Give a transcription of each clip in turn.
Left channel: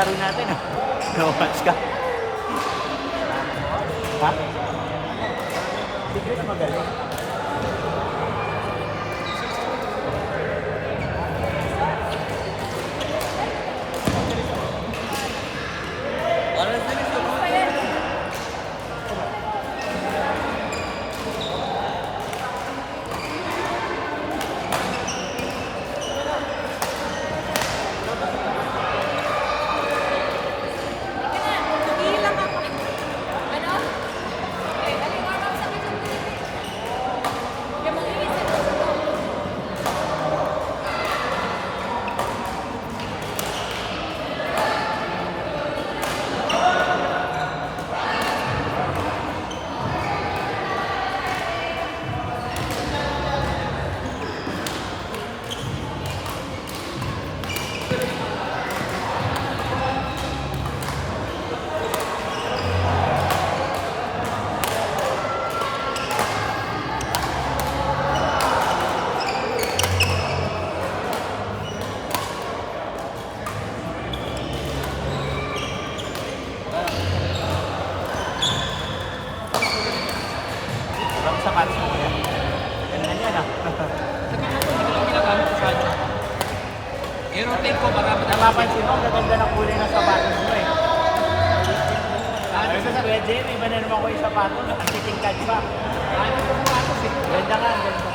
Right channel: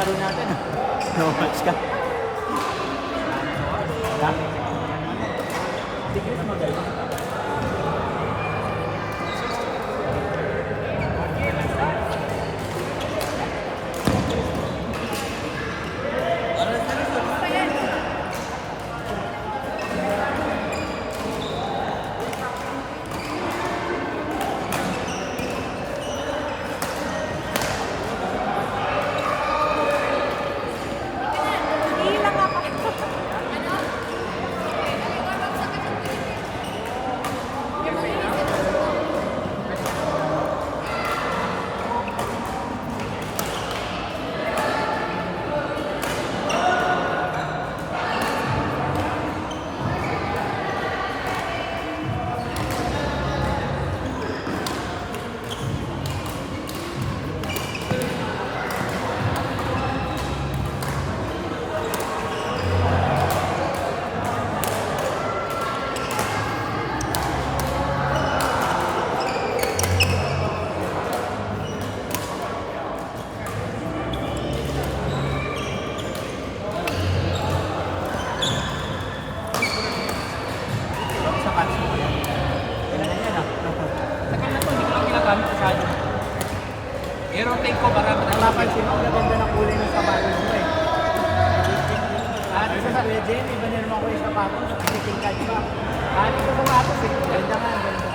laro natin. No match ka. Ha? Si Chris magaling. Sapatos mo yan. Ganda yan ah. Tagal na to, hindi ko lang ginagamit masyado. I-rotate ko para Napapansin mo, ang gaganda ng kulay ng sapatos mo eh. Isa sa Kuya Jen, iba na naman ko yung sapatos, nakatingkad pa. Anin ko sapatos eh. Ganda nga, ganda.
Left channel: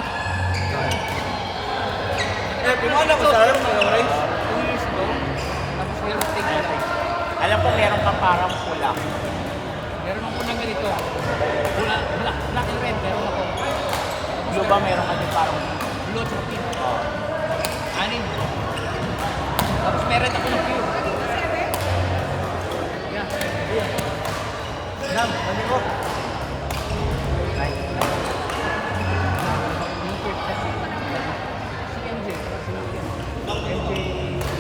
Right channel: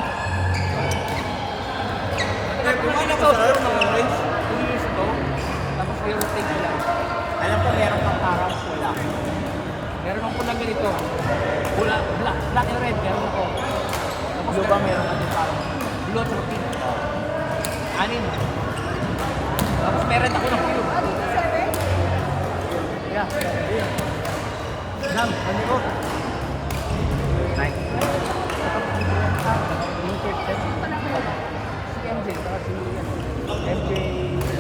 Pinala ko siguro mga 2 years ago. Tapos i-rotate ko lang. Alam ko meron kang parang pula. Meron akong pulang ganito. Pula, black and red, meron ako. Tapos Blue ba meron ka din parang blue at pink. oh. 6. Tapos meron ako ng pure. Yeah. Nice. Yung third set. Si MJ, saka si MJ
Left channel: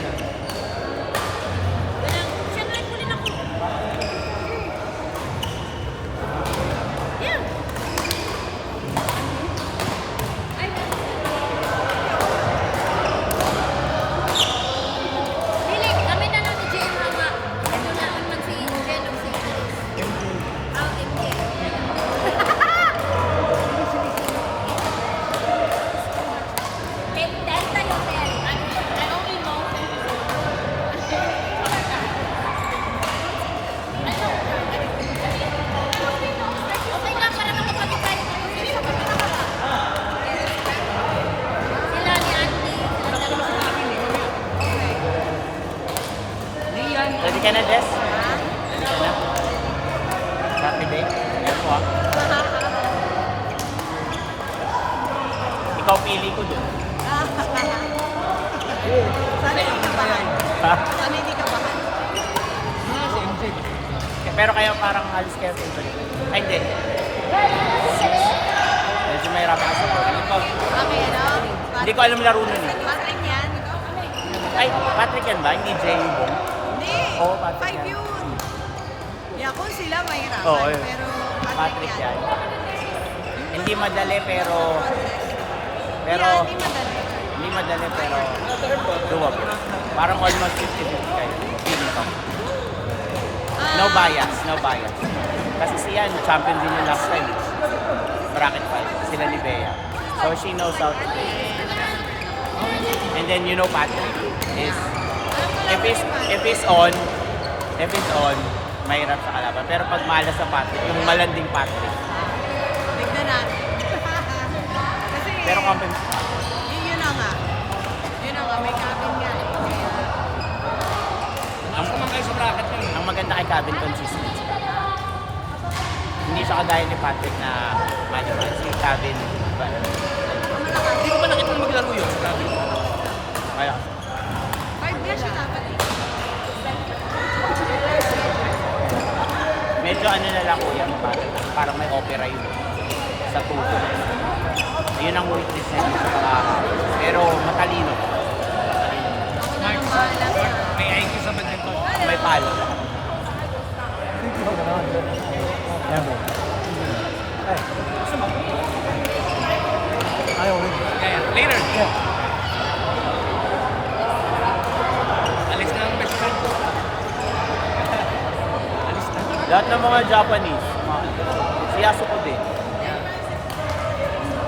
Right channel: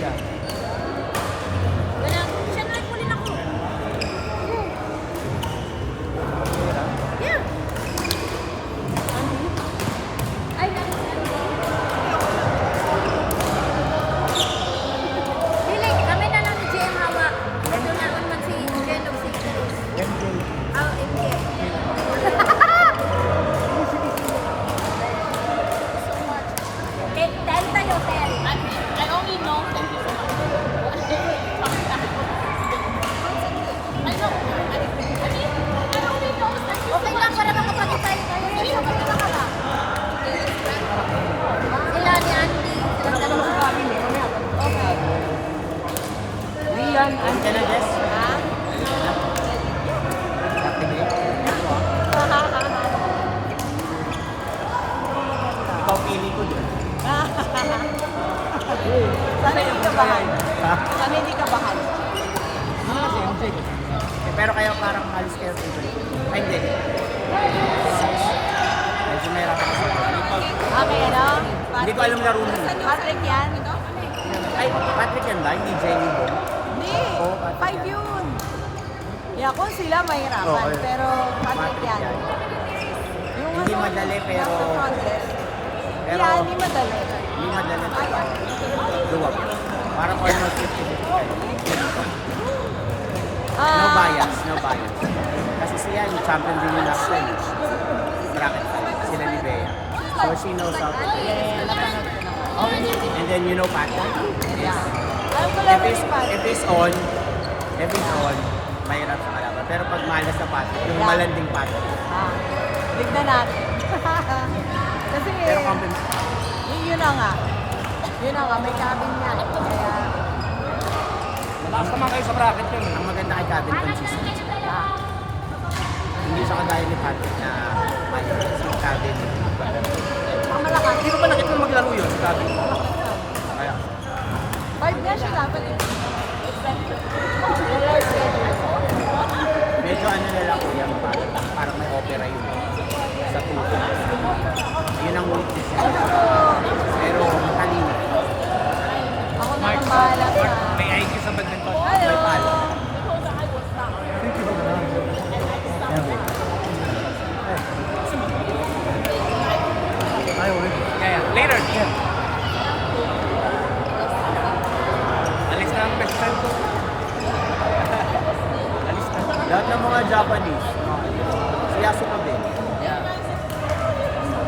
yan. Siya na rin muli ako. Yeah. Ay, dili, kami na lang ni JM Hawa. Ito na man si Jen of Secrets. MJ. Oh, MJ. Delta Hotel. I only know okay lang para makapagit tayo sila ni Andy. Wala ko naman sinabi eh, mamaya. Lian, Ready ka na, Jess? Ready ka na? Saturday? Ako ah. Ikaw pili ko dun. sana yung matraya yun. Ha? Ano nga si MJ ba? Pero kaya parang alis kayo favorite. Ay, hindi. Medyo mahirapan kasi. Hindi ko alam laro nun eh. Ay, Patrick yan ba? Hindi Jay Bong? Hindi. Oo, Patrick 5 yan. yun. Yeah, kung sila mahirapan, Oo, yun. pero Patrick yan. Hindi madali pero... Yeah, hindi madali. Hindi madali pero... Doable. Parang almost 50-50 kayo. Feeling ko. No bias, no bias. Kasi siya, champion din yung last time. Bracket 5. Sila ni Bea. So she knows how to play. And then you know Patrick is... If it's on, mahirap sa kalaban. Pero pag malas sa Patrick, yung malanding Patrick. Tignan natin. Kasi, Pero kampi... yun na nga. Yun na nga, may cabin nga. Kaya, Malakas naman kayo sa bracket yun. Ang maganda kay Cabin, consistent. Hindi siya kagaya ni Patrick na si Cabin. Hindi ko ba nakita na maglaro yun sa gabi? Kaya, 5 na siya dapat eh. medyo ano na lang kuya, parang may opera yun sa tuto. Yun ang weakness niya. Pero matalino. Mark, may IQ sa badminton. May palo. Kaya, later. Alis na ang best friend ko. Lahat ng mga Japanese, si Yasuko din. Yeah.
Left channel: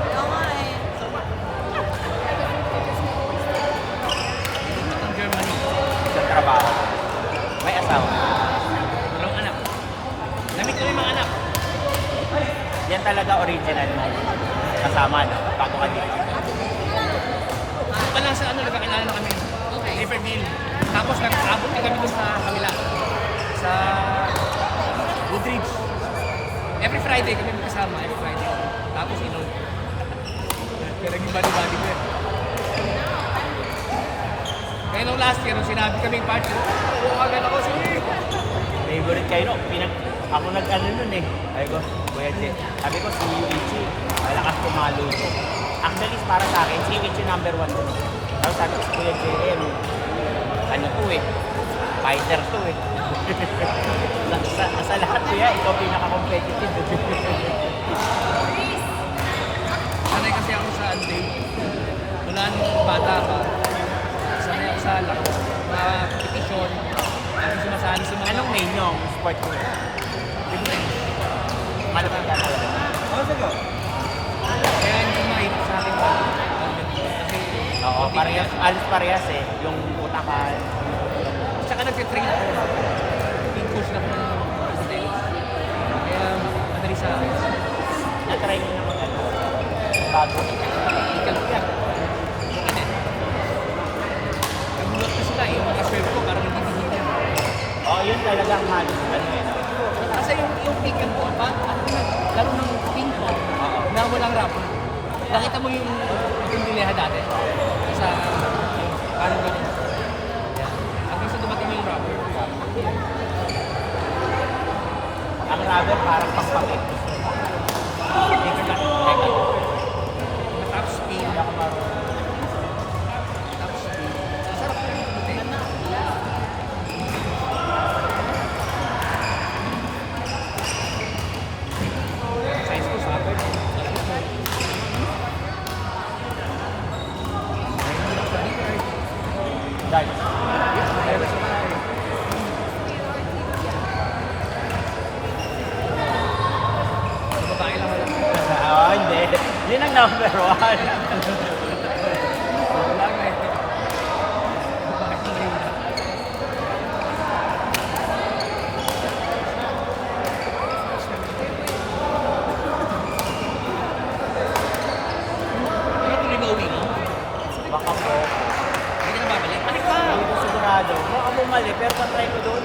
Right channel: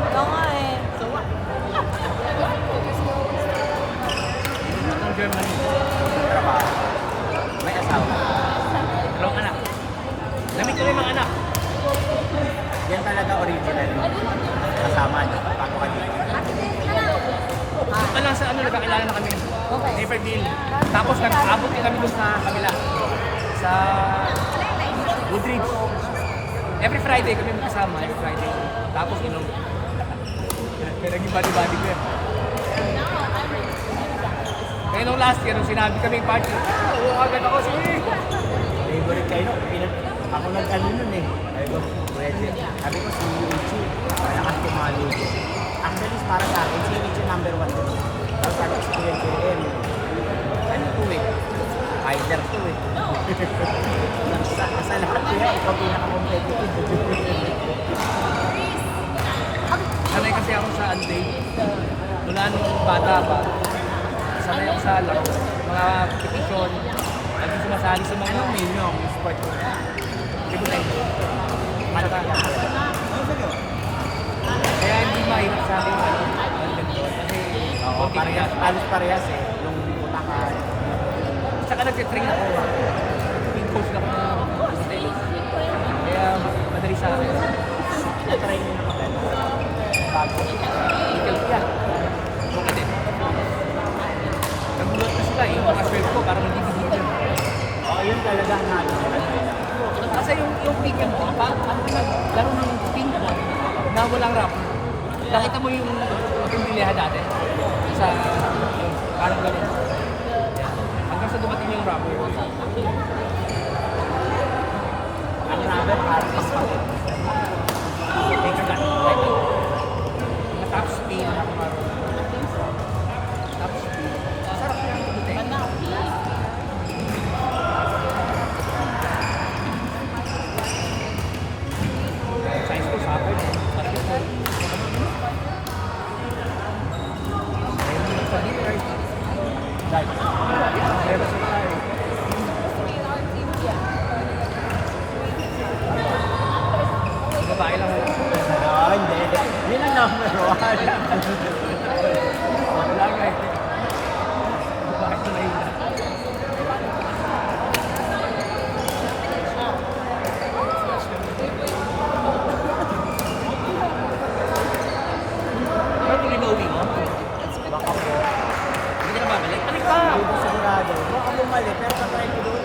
Ikaw nga eh. Dito ng Germany. Isang trabaho. May asawa. Dalawang anak. Namit ko rin mga anak. Yan talaga original mo. Kasama, no? Bago ka dito. Doon pa lang sa ano, nagkakilala na kami. Okay. Naperville. Tapos nag-aabot din kami doon sa kabila. Sa Woodridge. Every Friday kami magkasama, every Friday. Tapos inom. Kaya naging body-body ko yan. Kaya nung last year, nung sinabi kaming party, oo agad ako, sige. Favorite kayo, no? Ako nag-ano nun eh. Sabi ko, Kuya Jet. Sabi ko, si Yuichi, malakas tumalo ko. Actually, para sa akin, si Yuichi number 1 dun. Tapos sabi ko, si Kuya JM, ano to eh, fighter to eh. Nasa lahat kaya, ikaw pinaka-competitive. Sanay kasi ako sa Anday. Mula nung bata pa, sanay ako sa laro. Mga petition, lagi sumasali sa mga... Anong main yung sport ko? Table tennis. Malaki ka talaga. Kaya hindi mahirap sa akin badminton. Kasi Oo, konti parehas, kaya. alos parehas eh. Yung utakan. Tsaka nag-train ako. Team coach na ako ng table tennis. Kaya madali sa akin. Na-try nyo na mag-ano. Bago. Equal ko yan. Okay din. Nagulat na sila eh. Yung mga serve ko parang nagdidihil yan. Oo, yun talaga ang halos ano eh. No? Kasi yung pick and ball, ano ka laro ng ping pong Oo. na walang rubber. Nakita mo yung mapimbilihan dati sa yung parang ganun. Yeah. Hanggang sa dumating yung rubber. Ang rubber parang pangpangit. Take a gun. Teka lang. Na top speed. Hindi ako marunong. Top speed. Sarap yung puti. Size ko, soccer din. Basketball. Meron lang sa dinner. Dahil. Meron sa bahay. Sa babae lang wala. Oo, hindi. Yun ang number 1. Wala nga eh. Babae na mahina. Ano tuloy ba uwi mo? Baka po. Hindi ka na babalik? Balik ka! Hindi ko sigurado. Baka bumalik, pero patry ko doon.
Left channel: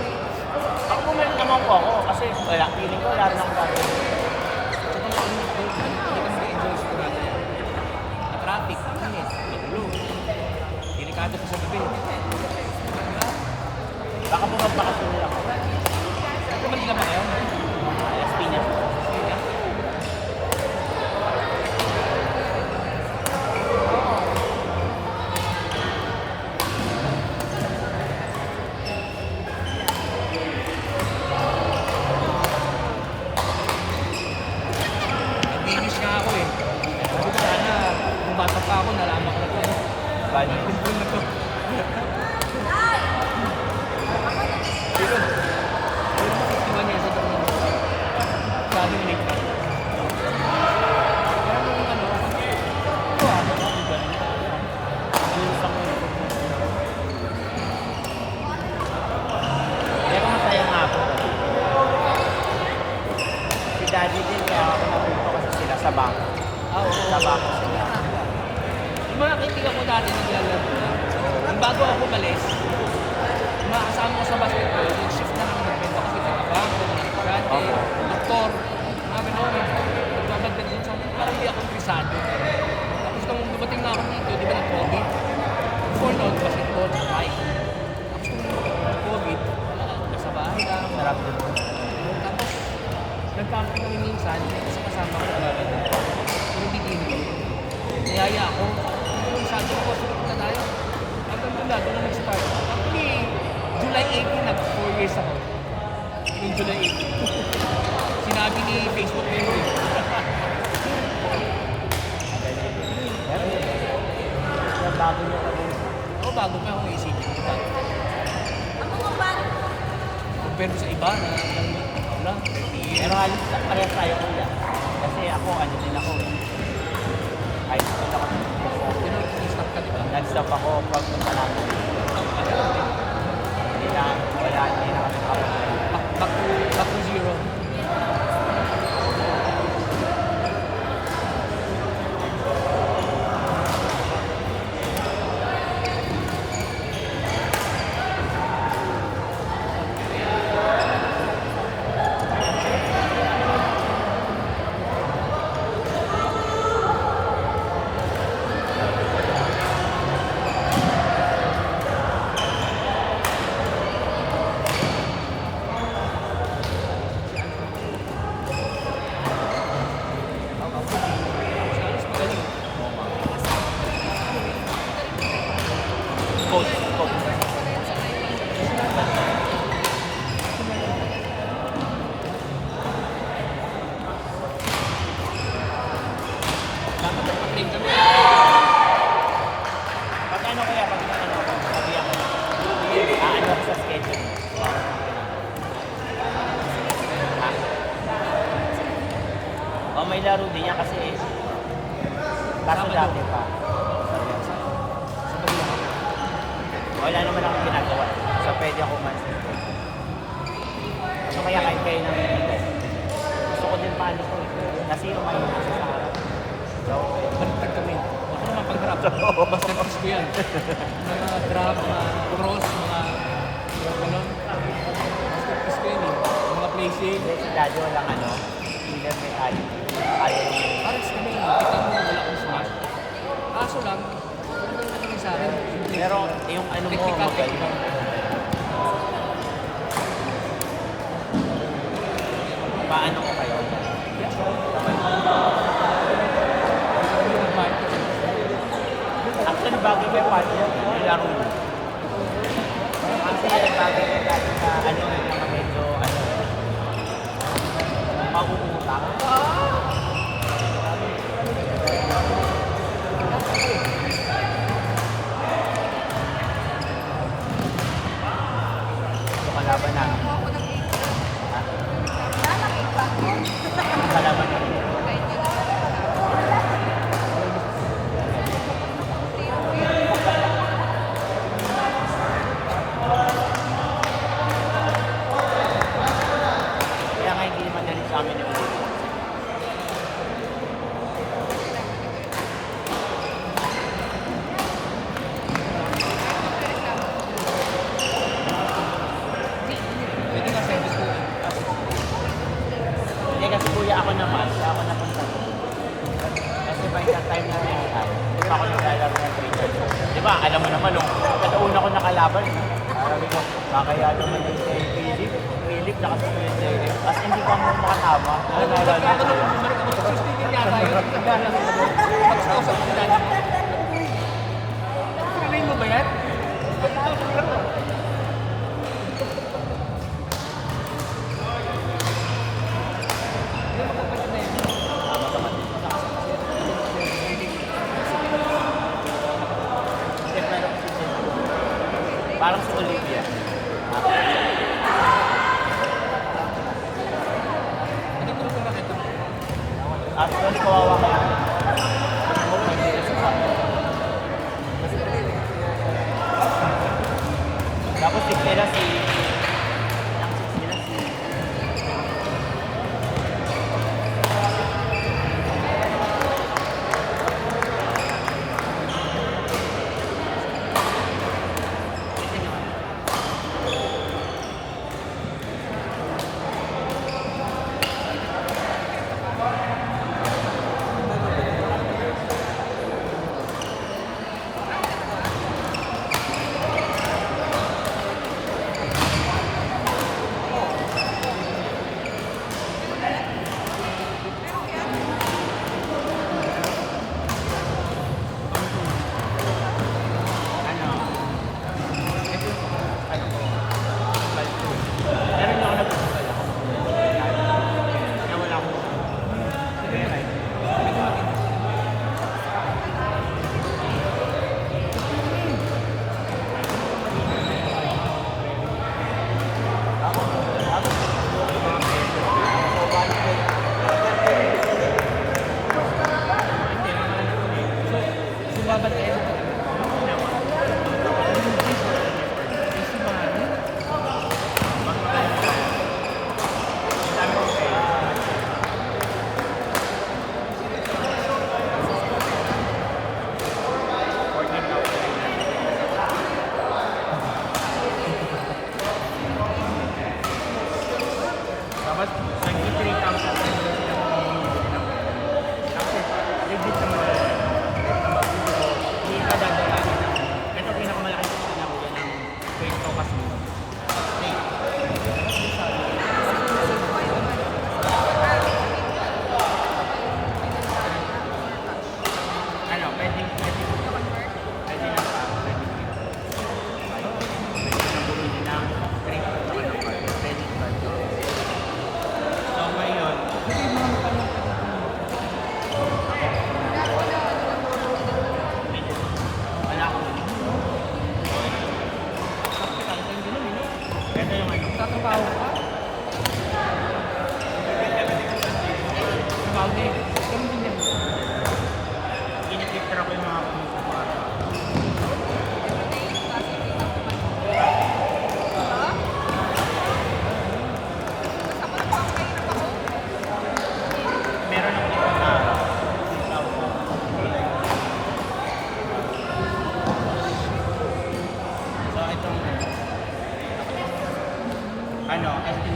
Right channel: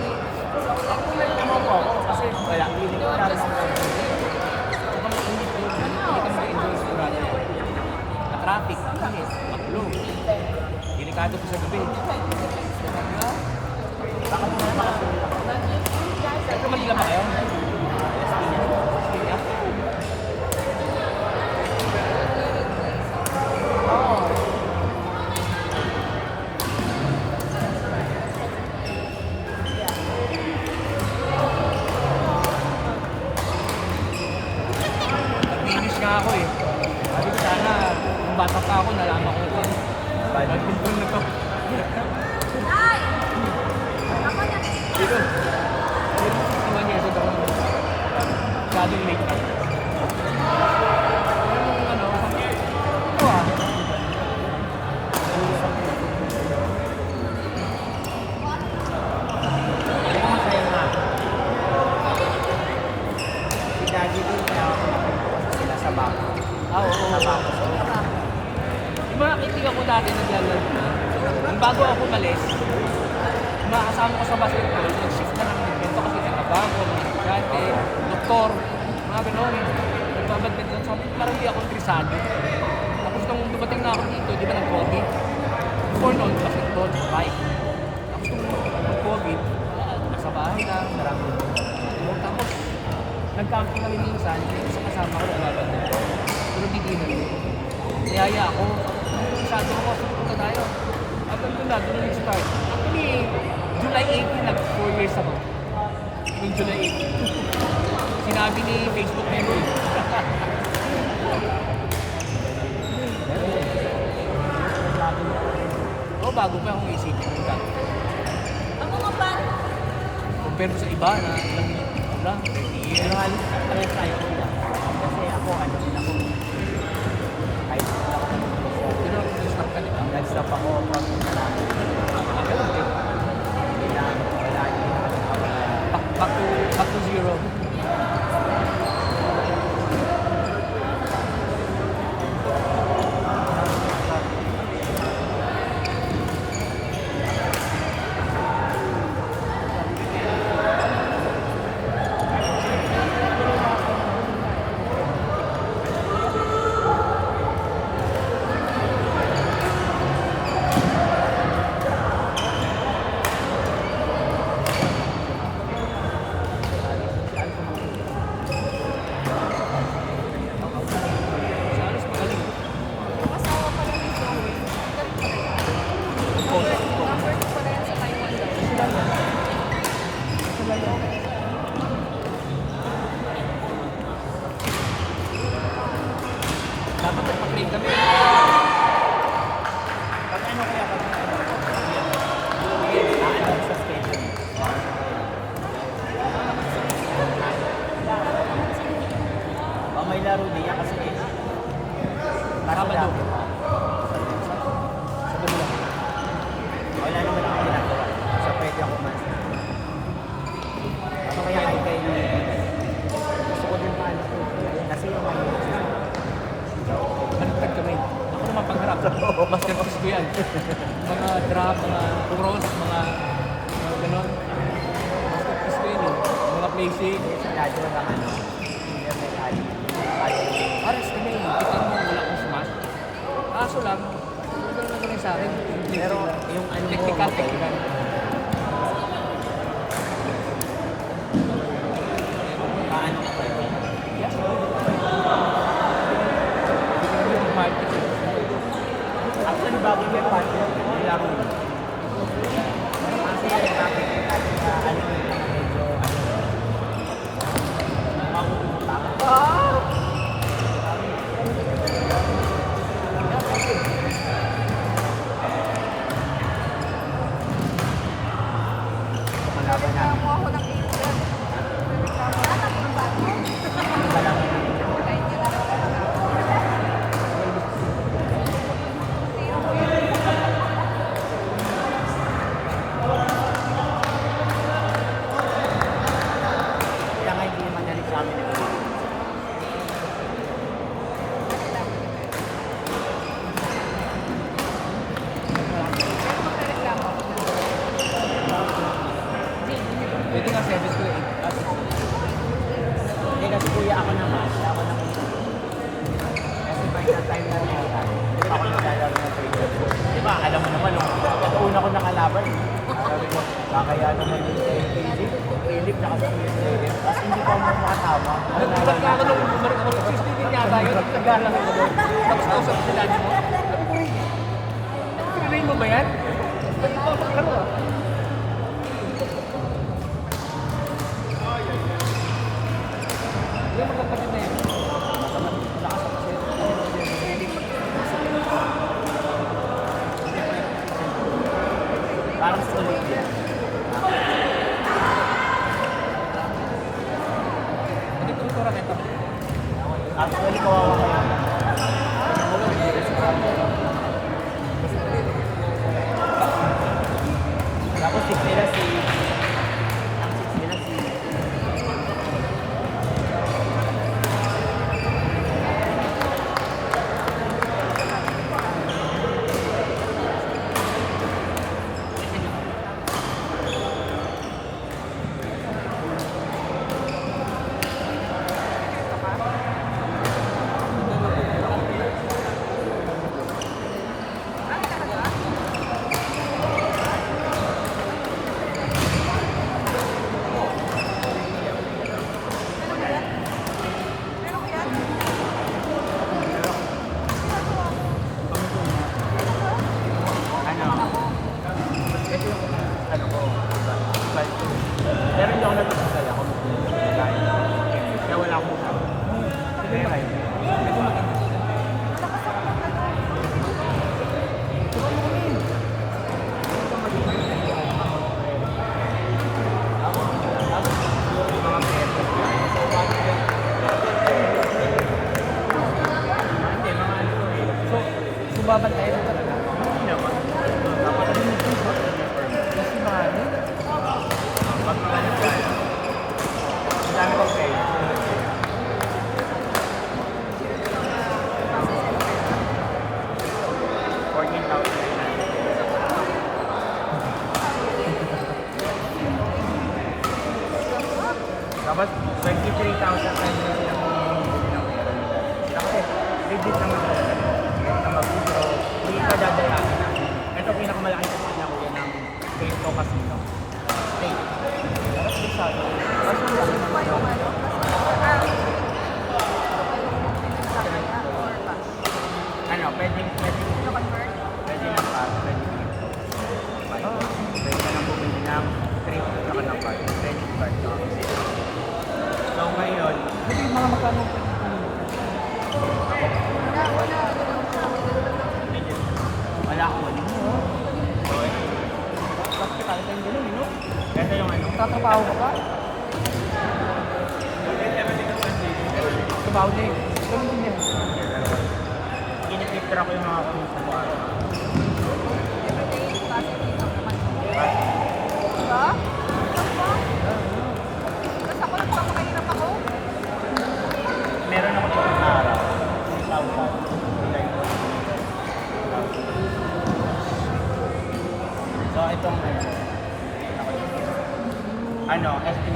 Baka bumalik naman po ako kasi wala. Feeling ko, lalo na akong gagawin. Saka mainit eh. Hindi ka mag-enjoy sigurado yan. Na-traffic, mainit, magulo. Delikado pa sa gabi. Di ba? Baka bumagpakasyon lang ako. Siyempre Manila ba kayo? Las Piñas. Kaya? Nag-finish nga ako eh. Sabi ko sana, nung bata pa ako, nalaman ko na ito. Badminton na to. Pero, pero 61 years old ako naman. Masyadong late na. Pero nung ano, ito ah. Pero masaya nga ako. Si Daddy din, kaya ako napunto kasi sila sa bangko. Ah, oo. Sa bangko sila. Yung mga kaibigan ko dati naglalaro na. Nung bago ako malis, yung mga kasama ko sa basketball, nag-shift na lang nagbento kasi taga-bangko, mga estudyante, doktor, mga gano'n. Nagbabadminton. Sabi ko, parang di ako interesado. Tapos nung dumating na ako dito, di ba nag-COVID? Before noon, basketball, bike. Tapos nung nag-COVID, wala, nasa bahay lang. Sarap din. Tapos, nag-camping kami minsan, isa kasama ko nagbabadminton. Pero beginner ko. Niyaya ako. Masyado ako, sige punta tayo. Hanggang doon na, doon na nag-start. Actually, July 18, nag-4 years ako. Yung July 18. Sinabi ni Facebook memory. Bago mo pa rin. Oo, bago pa akong isipin yung dati. Compare ko sa iba na ilang Wala, 30 years. Pero halos parehas tayo kuya. Kasi ako, ano din ako eh. High school ako ng Pero nag-stop ka, di ba? Nag-stop ako from Mindanao. Ah, ganun din. Wala, hindi na kami nakapag- Back to zero. Si Alos magaling. Yung asawa pala ni Zoe, galing pa rin. Coach. Number 2 pala yan sa Taiwan daw. Dapat nagpa-train kami. Pag ano kaya, pag ano ako, sabi ako, ano sa schedule. O may laro din niya kasi Sabado. dati pa. Sa Manila. Wala naman akong ginagawa. So pwede ako umalis. Ano kaya kahit kayo nang hindi? Gusto ko din paano ko. Kasi yung may sa harap. So, Baliktad kami. Ako naman pagharap. Masterpiece ko yan. Mga drop, mga cross, mga ganon. Masterpiece ko yan eh. Mga placing. si Dado lang ano, senior metal. Kaya yung Ares kami, kita mo wala akong smash. Kaso lang, wala lang naman sa akin. pero yung ano mo, Technical, okay. technical. Paano ko kayo? Yes, Sabay. hindi kami mag-party. Actually, bagay kay partner, yung laro mo. Kasi bagay kay partner na ano yung mga medyo, ano, mauutak. Ito kalaban namin. Nakakuha ko ng 8 yan. Ha? Nagreklamo ako ng 8 Ito kalaban namin. Kahit niya na nagreklamo. Tiro ko yun. Kaya nga hindi naman nalit sa amin yung Pero magreklamo ako. Pwede nga 7 to 8. Hindi kasi kuya ako naman, kaya ako napunta dito. Kasi by that time na nilihan, hindi pa ako naglalaro ng trainer. Di ba, alam mo naman, nung katauna ko nakalaban, sabi ko, kakaya naman din kay Philip, nakasusunod sa iyo. As hindi pa mo makatama. Nagulat ka ako nung bumalik ako sa 16 din yata yun. Naglalaro ka doon. Tapos kausap ko si daddy mo. Sabi ko, pinilay mo ba yan? Ba't ito ako maglaro ah? Yung magkapatid na yun. Tama ka man. Lakas ang kasi. Hindi, mayroon kasi dyan. Parang sa Olympia. Ano yung turutura kita mo? Actually, kawawa kayo. Gusto mo pwede rin sa sabi. Tapos six nila ang six nila si ano, ito yung ano ko, flight ko. Pero hindi ako nagpapagay ako mag-flight. Kaya wala akong ulam. Sige, right. Medyo mag-interest. Mga pera. Tapos 23,000 pwede na silang bumili ng pera nila. Kasi legit naman talaga. Kahit na mag-withdraw, hindi ka dadayain na. Ito pinakamalaki sa kanya ko yan ng Crypto Casino. State. Tapos bisado. Ano, pwedeng pwede na pa, pwede ka nang bumili ng crypto sa kanang card, credit card no? So ngayon, Hindi mga magkano pwede medyo wala akong mali. So ito, Tapos kita tayo din nun, no? ito yung ano, Tatrabaho ka pa? Trabaho din. Ganun din yan. kinipicture ako yung mga kamisa ko araw. Diba? Tapos ako nagpapakahirap ako. Meron ako isang araw, 3,000. So itong ano, estimate